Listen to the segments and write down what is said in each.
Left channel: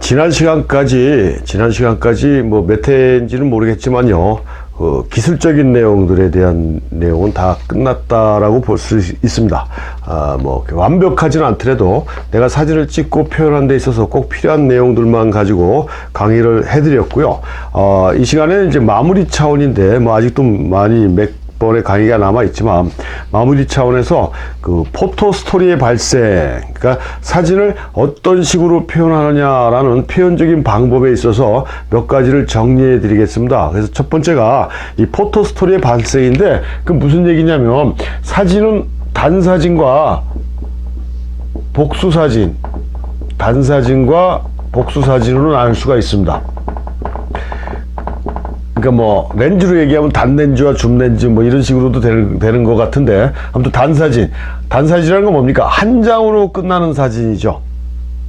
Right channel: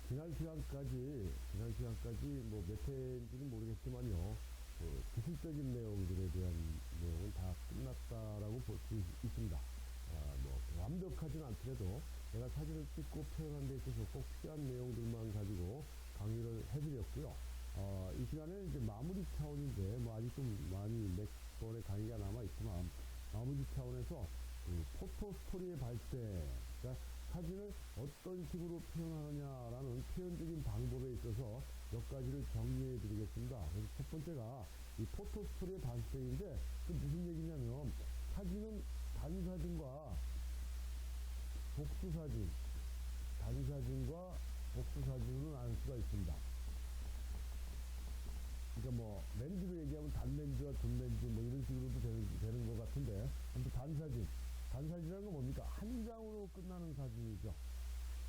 지난 시간까지 뭐 몇 회인지는 모르겠지만요. 기술적인 내용들에 대한 내용은 다 끝났다라고 볼 수 있습니다. 뭐 완벽하지는 않더라도 내가 사진을 찍고 표현하는 데 있어서 꼭 필요한 내용들만 가지고 강의를 해드렸고요. 이 시간에는 이제 마무리 차원인데 뭐 아직도 많이 몇 번의 강의가 남아 있지만 마무리 차원에서 그 포토 스토리의 발생, 그러니까 사진을 어떤 식으로 표현하느냐라는 표현적인 방법에 있어서 몇 가지를 정리해 드리겠습니다. 그래서 첫 번째가 이 포토 스토리의 발생인데, 그 무슨 얘기냐면 단사진과 복수사진으로 나눌 수가 있습니다. 그러니까 뭐 렌즈로 얘기하면 단렌즈와 줌렌즈 뭐 이런 식으로도 되는 것 같은데, 아무튼 단사진이라는 건 뭡니까? 한 장으로 끝나는 사진이죠.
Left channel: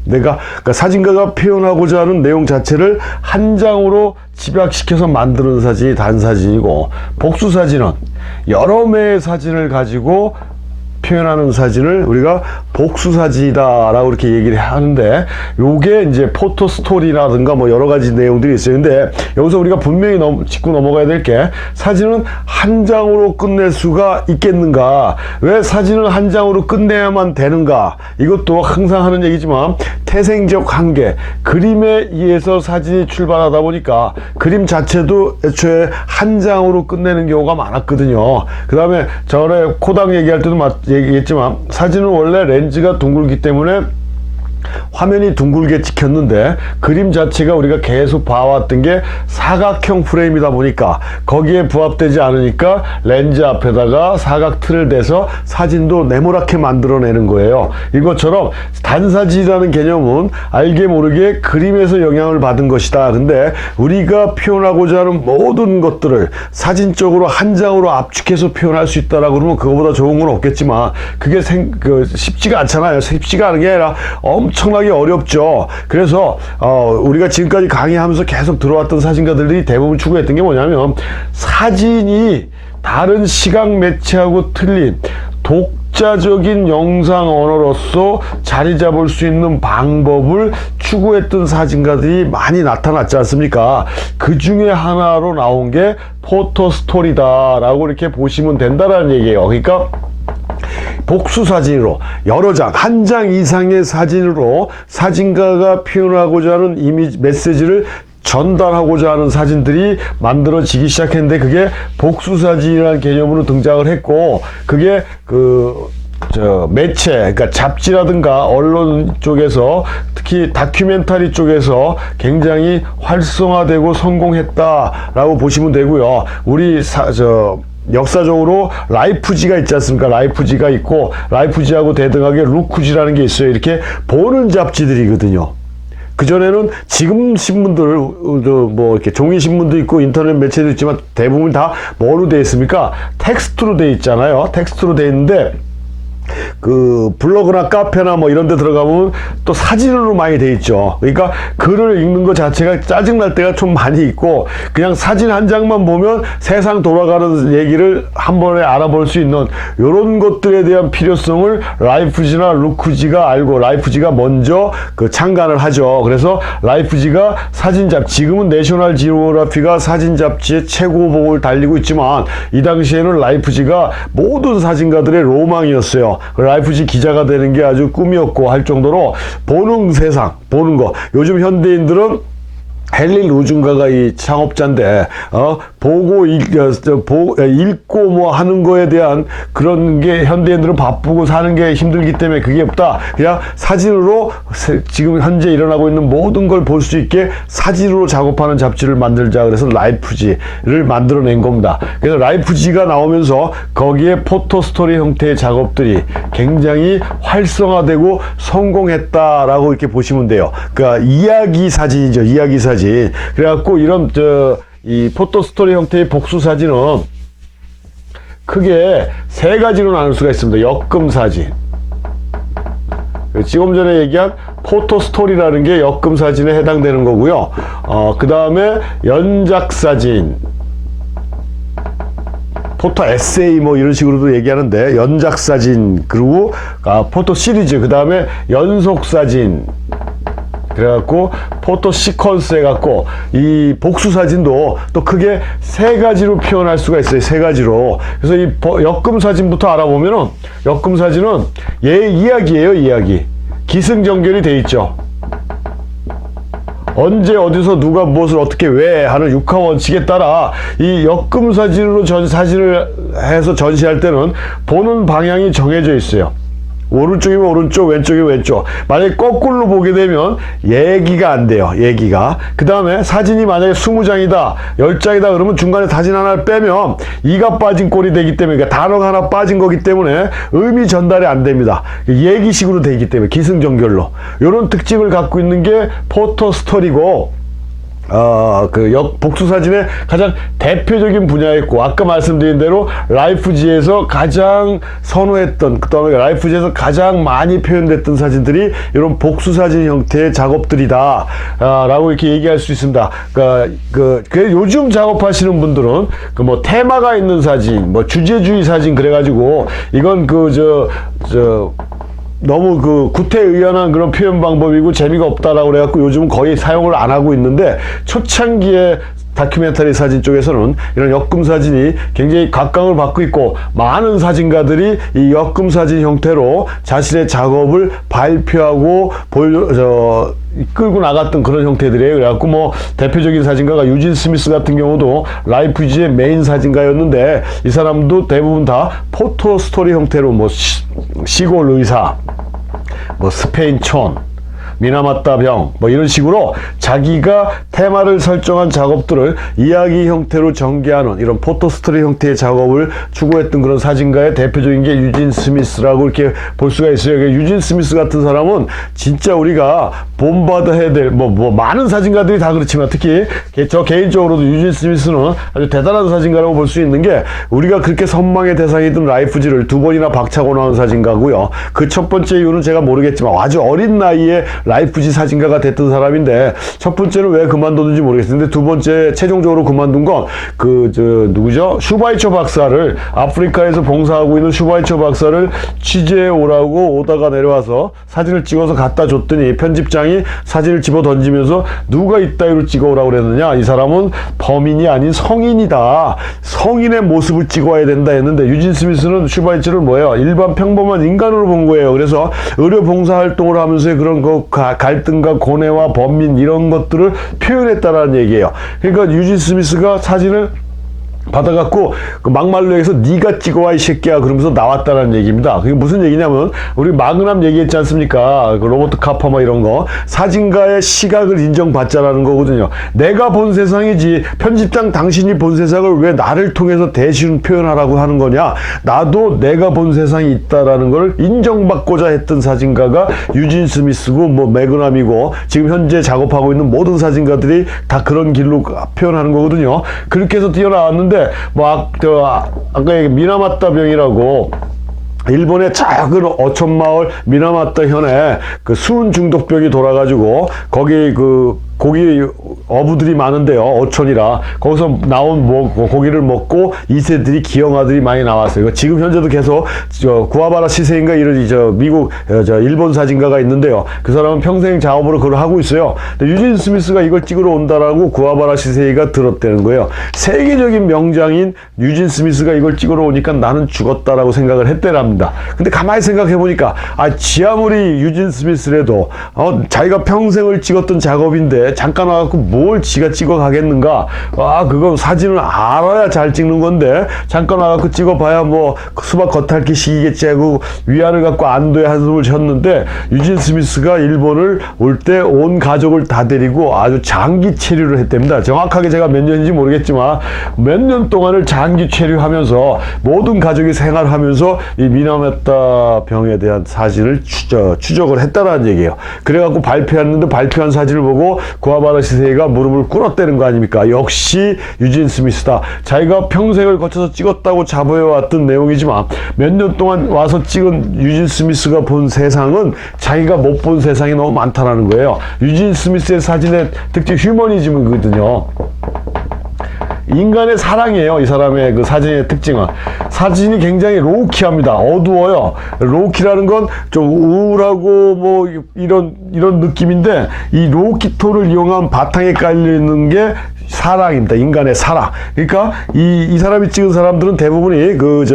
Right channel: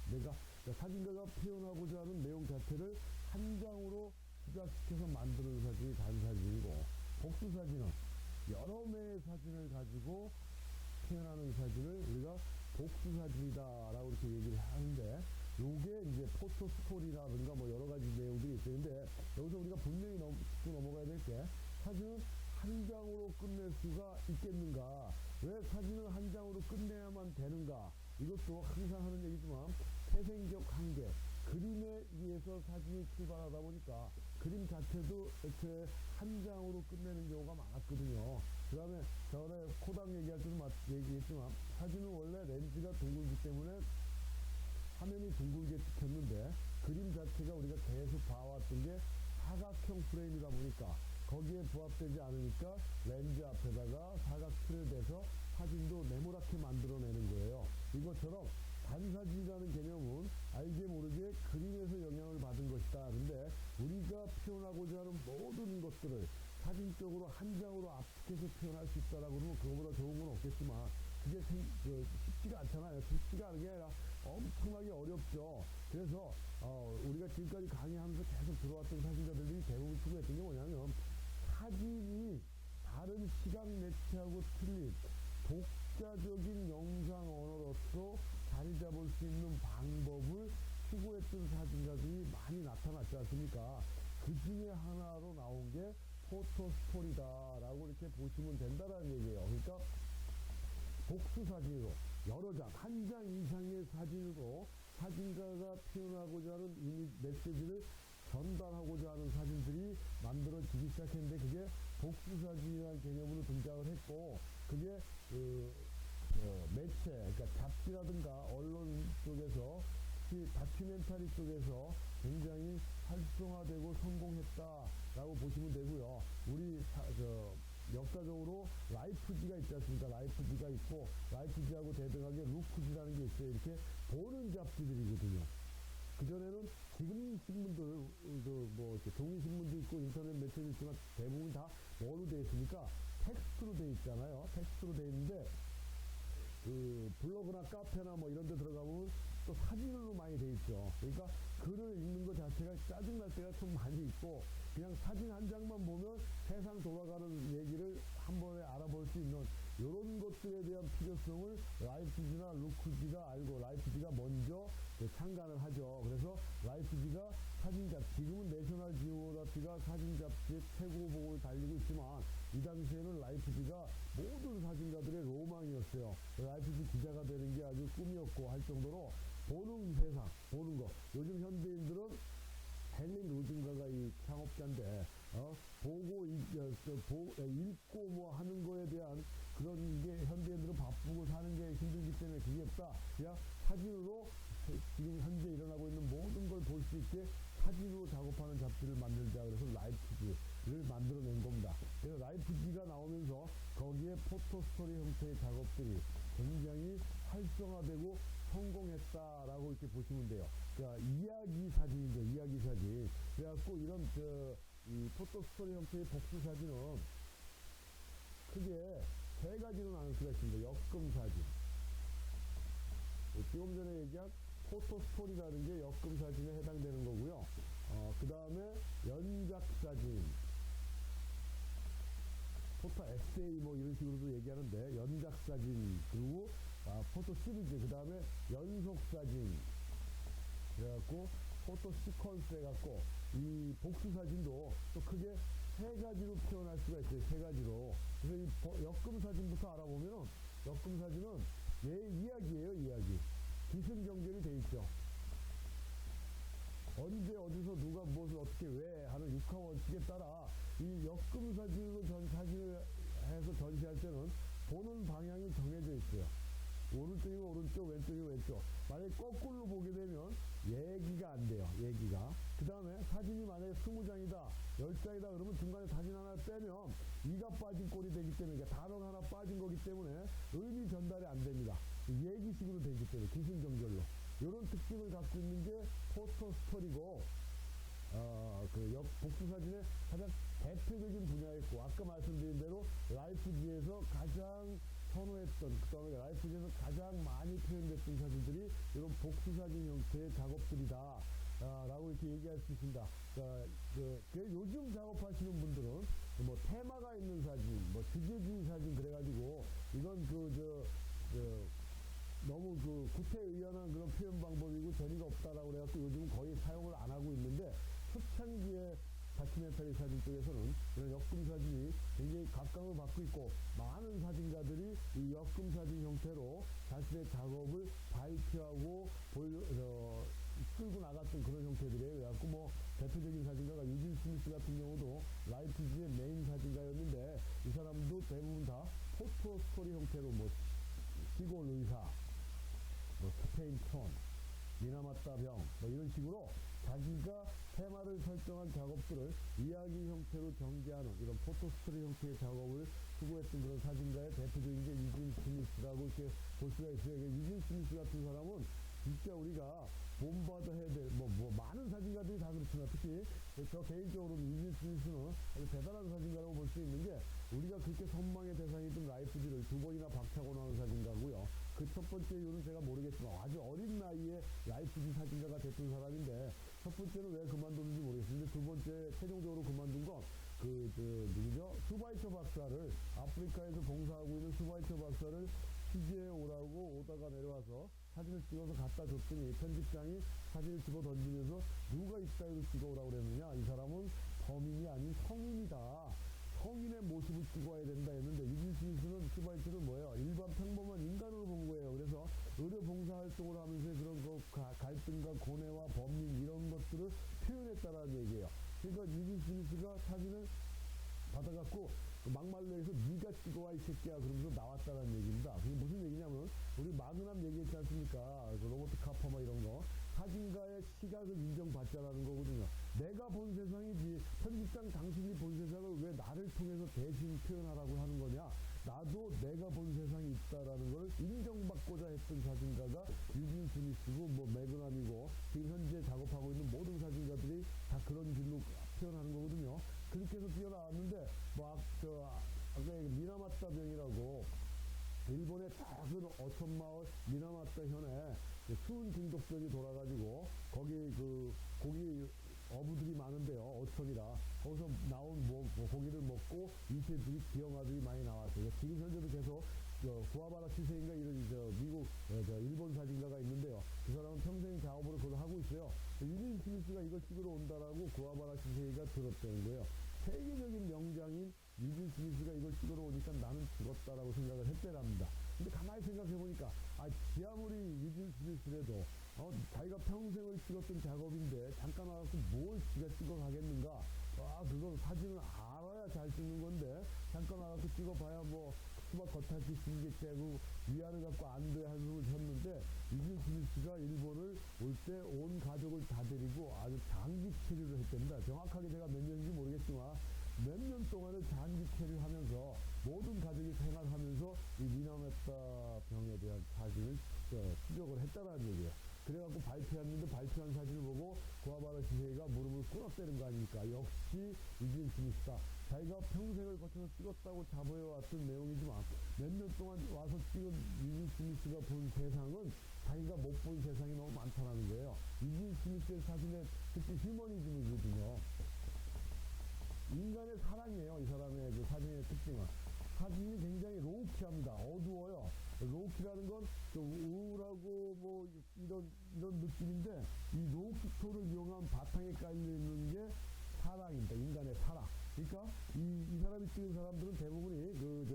그러니까 사진가가 표현하고자 하는 내용 자체를 한 장으로 집약시켜서 만드는 사진이 단사진이고, 복수사진은 여러 매의 사진을 가지고 표현하는 사진을 우리가 복수사진이다 라고 이렇게 얘기를 하는데, 요게 이제 포토 스토리라든가 뭐 여러 가지 내용들이 있어요. 근데 여기서 우리가 분명히 짚고 넘어가야 될 게, 사진은 한 장으로 끝낼 수가 있겠는가, 왜 사진을 한 장으로 끝내야만 되는가, 이것도 항상 하는 얘기지만 태생적 한계, 그림에 의해서 사진이 출발하다 보니까 그림 자체도 애초에 한 장으로 끝내는 경우가 많았거든요. 그 다음에 전에 코당 얘기할 때도 얘기했지만, 사진은 원래 렌즈가 둥글기 때문에 화면이 둥글게 찍혔는데, 그림 자체가 우리가 계속 봐왔던 게 사각형 프레임이다 보니까 거기에 부합되지 않으니까 렌즈 앞에다가 사각 틀을 대서 사진도 네모나게 만들어내는 거예요. 이것처럼 단사진이라는 개념은 알게 모르게 그림에서 영향을 받은 것이다. 근데 우리가 표현하고자 하는 모든 것들을 사진적으로 한 장으로 압축해서 표현할 수 있다라고 그러면 그거보다 좋은 건 없겠지만, 그게 쉽지가 않잖아요. 쉽지가 않은 게 아니라 엄청나게 어렵죠. 그래서 우리가 지금까지 강의하면서 계속 들어왔던 사진가들이 대부분 추구했던 게 뭐냐면, 사진이 다른 시각 매체하고 틀린 독자적인 영상 언어로서 자리 잡을 수 있는 방법을 추구했던 사진가들이 많이 나타났지 않습니까? 그 중에 하나로 나온 게 포토 스토리다 라고 이렇게 보시면 된다라는 얘기예요. 그러니까 복수사진으로 여러 장, 한 장 이상의 사진으로 사진가가 표현하고자 하는 이미지, 메시지를 전달하고자 하는 사진들이 만들어지기 시작했는데, 그게 복수사진이라는 개념으로 등장을 했고, 그게 매체, 그러니까 잡지라든가 언론 쪽에서, 특히 다큐멘터리 쪽에서 굉장히 활성화되고 성공했다라고 보시면 되고요. 우리 역사적으로 라이프지가 있지 않습니까? 라이프지가 있고, 라이프지하고 대등하게 루크지라는 게 있어요. 이렇게 보는 잡지들이거든요. 그전에는 지금 신문들, 뭐 이렇게 종이 신문도 있고 인터넷 매체도 있지만 대부분 다 뭐로 되어 있습니까? 텍스트로 되어 있잖아요. 텍스트로 되어 있는데, 그 블로그나 카페나 뭐 이런 데 들어가보면 또 사진으로 많이 돼 있죠. 그러니까 글을 읽는 것 자체가 짜증날 때가 좀 많이 있고, 그냥 사진 한 장만 보면 세상 돌아가는 얘기를 한 번에 알아볼 수 있는 이런 것들에 대한 필요성을 라이프지나 루크지가 알고, 라이프지가 먼저 창간을 하죠. 그래서 라이프지가 사진 잡지, 지금은 내셔널 지오그래피가 사진 잡지의 최고봉을 달리고 있지만, 이 당시에는 라이프지가 모든 사진가들의 로망이었어요. 라이프지 기자가 되는 게 아주 꿈이었고 할 정도로 보는 세상, 보는 거. 요즘 현대인들은 헨리 루준가가 이 창업자인데, 보고 읽고 뭐 하는 거에 대한 그런 게 현대인들은 바쁘고 사는 게 힘들기 때문에 그게 없다. 그냥 사진으로 지금 현재 일어나고 있는 모든 걸 볼 수 있게 사진으로 작업하는 잡지를 만들자. 그래서 라이프지를 만들어낸 겁니다. 그래서 라이프지가 나오면서 거기에 포토 스토리 형태의 작업들이 굉장히 활성화되고 성공했다라고 이렇게 보시면 돼요. 그러니까 이야기 사진이죠. 이야기 사진. 그래갖고 이런 이 포토 스토리 형태의 복수 사진은 크게 세 가지로 나눌 수가 있습니다. 역금 사진. 지금 전에 얘기한 포토 스토리라는 게 역금 사진에 해당되는 거고요. 그 다음에 연작 사진, 포토 에세이 뭐 이런 식으로도 얘기하는데, 연작 사진, 그리고 포토 시리즈, 그 다음에 연속 사진, 그래갖고 포토 시퀀스 해갖고 이 복수 사진도 또 크게 세 가지로 표현할 수가 있어요. 세 가지로. 그래서 이 역금 사진부터 알아보면은 역금 사진은 이야기예요. 이야기. 기승전결이 돼 있죠. 언제 어디서 누가 무엇을 어떻게 왜 하는 육하 원칙에 따라 이 역금 사진으로 사진을 해서 전시할 때는 보는 방향이 정해져 있어요. 오른쪽이면 오른쪽, 왼쪽이면 왼쪽. 만약에 거꾸로 보게 되면 얘기가 안 돼요. 얘기가. 그 다음에 사진이 만약에 20장이다, 10장이다 그러면 중간에 사진 하나를 빼면 이가 빠진 꼴이 되기 때문에, 그러니까 단어가 하나 빠진 거기 때문에 의미 전달이 안 됩니다. 얘기식으로 되기 때문에 기승전결로. 이런 특징을 갖고 있는 게 포토 스토리고, 복수 사진의 가장 대표적인 분야였고, 아까 말씀드린 대로 라이프지에서 가장 선호했던, 그 다음에 라이프지에서 가장 많이 표현됐던 사진들이 이런 복수 사진 형태의 작업들이다, 라고 이렇게 얘기할 수 있습니다. 요즘 작업하시는 분들은 뭐 테마가 있는 사진, 뭐 주제주의 사진 그래가지고 이건 너무 구태의연한 그런 표현 방법이고 재미가 없다라고 그래갖고 요즘은 거의 사용을 안 하고 있는데, 초창기에 다큐멘터리 사진 쪽에서는 이런 역금 사진이 굉장히 각광을 받고 있고, 많은 사진가들이 이 역금 사진 형태로 자신의 작업을 발표하고 끌고 나갔던 그런 형태들이에요. 그래갖고 뭐 대표적인 사진가가 유진 스미스 같은 경우도 라이프지의 메인 사진가였는데, 이 사람도 대부분 다 포토 스토리 형태로 뭐 시골 의사, 뭐 스페인 촌, 미나마타 병, 뭐 이런 식으로 자기가 테마를 설정한 작업들을 이야기 형태로 전개하는 이런 포토스토리 형태의 작업을 추구했던 그런 사진가의 대표적인 게 유진 스미스라고 이렇게 볼 수가 있어요. 유진 스미스 같은 사람은 진짜 우리가 본받아야 될, 많은 사진가들이 다 그렇지만 특히 저 개인적으로도 유진 스미스는 아주 대단한 사진가라고 볼 수 있는 게, 우리가 그렇게 선망의 대상이던 라이프지를 2번이나 박차고 나온 사진가고요. 그 첫 번째 이유는 제가 모르겠지만 아주 어린 나이에 라이프지 사진가가 됐던 사람인데, 첫 번째는 왜 그만뒀는지 모르겠는데, 두 번째 최종적으로 그만둔 건 누구죠? 슈바이처 박사를, 아프리카에서 봉사하고 있는 슈바이처 박사를 취재해 오라고 오다가 내려와서 사진을 찍어서 갖다 줬더니 편집장이 사진을 집어 던지면서 누가 이따위로 찍어오라고 그랬느냐, 이 사람은 범인이 아닌 성인이다, 성인의 모습을 찍어와야 된다 했는데, 유진 스미스는 슈바이처를 뭐예요? 일반 평범한 인간으로 본 거예요. 그래서 의료 봉사 활동을 하면서 그런 갈등과 고뇌와 번민 이런 것들을 표현했다라는 얘기예요. 그러니까 유진 스미스가 사진을 받아갖고 막말로 해서 네가 찍어와 이 새끼야 그러면서 나왔다는 얘기입니다. 그게 무슨 얘기냐면, 우리 마그남 얘기했지 않습니까? 로버트 카퍼 뭐 이런 거, 사진가의 시각을 인정받자라는 거거든요. 내가 본 세상이지 편집장 당신이 본 세상을 왜 나를 통해서 대신 표현하라고 하는 거냐. 나도 내가 본 세상이 있다라는 걸 인정받고자 했던 사진가가 유진 스미스고 뭐 매그남이고, 지금 현재 작업하고 있는 모든 사진가들이 다 그런 길로 표현하는 거거든요. 그렇게 해서 뛰어나왔는데, 아까 얘기 미나마타 병이라고 일본의 작은 어촌마을 미나마타 현에 수은 중독병이 돌아가지고 거기 고기 어부들이 많은데요. 어촌이라 거기서 나온 고기를 먹고 2세들이 기형아들이 많이 나왔어요. 지금 현재도 계속 구아바라 시세인가 이런 미국 일본 사진가가 있는데요. 그 사람은 평생 작업으로 그걸 하고 있어요. 근데 유진 스미스가 이걸 찍으러 온다라고 구아바라 시세이가 들었다는 거예요. 세계적인 명장인 유진 스미스가 이걸 찍으러 오니까 나는 죽었다라고 생각을 했대랍니다. 근데 가만히 생각해 보니까 지 아무리 유진 스미스라도 자기가 평생을 찍었던 작업인데 잠깐 와갖고 뭘 지가 찍어 가겠는가. 그거 사진을 알아야 잘 찍는 건데 잠깐 와갖고 찍어봐야 뭐 수박 겉핥기 식이겠지 하고 위안을 갖고 안도의 한숨을 쉬었는데, 유진 스미스가 일본을 올 때 온 가족을 다 데리고 아주 장기 체류를 했답니다. 정확하게 제가 몇 년인지 모르겠지만 몇 년 동안을 장기 체류하면서 모든 가족이 생활하면서 이 미나마타 병에 대한 사진을 추적을 했다라는 얘기예요. 그래갖고 발표했는데, 발표한 사진을 보고 구아바라 시세이가 무릎을 꿇었다는 거 아닙니까? 역시 유진 스미스다. 자기가 평생을 거쳐서 찍었다고 자부해왔던 내용이지만 몇 년 동안 와서 찍은 유진 스미스가 본 세상은 자기가 못 본 세상이 너무 많다라는 거예요. 유진 스미스의 사진의 특징 휴머니즘이거든요. 인간의 사랑이에요. 이 사람의 그 사진의 특징은. 사진이 굉장히 로우키합니다. 어두워요. 로우키라는 건 좀 우울하고 뭐 이런 느낌인데, 이 로우키 톤을 이용한 바탕에 깔리는 게 사랑입니다. 인간의 사랑. 그러니까 이 사람이 찍은 사람들은 대부분이 그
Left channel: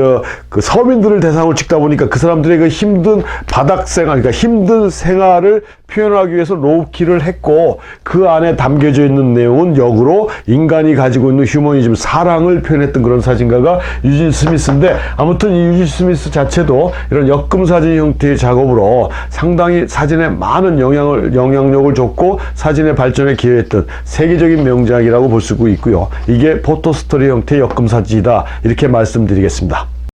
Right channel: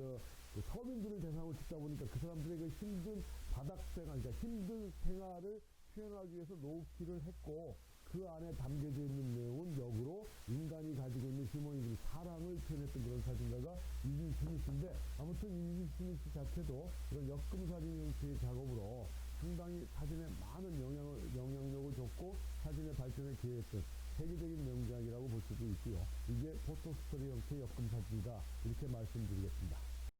서민들을 대상으로 찍다 보니까 그 사람들의 그 힘든 바닥 생활, 그러니까 힘든 생활을 표현하기 위해서 로우키를 했고, 그 안에 담겨져 있는 내용은 역으로 인간이 가지고 있는 휴머니즘, 사랑을 표현했던 그런 사진가가 유진 스미스인데, 아무튼 이 유진 스미스 자체도 이런 역금 사진 형태의 작업으로 상당히 사진에 많은 영향력을 줬고 사진의 발전에 기여했던 세계적인 명작이라고 볼 수 있고요. 이게 포토스토리 형태의 역금 사진이다, 이렇게 말씀드리겠습니다.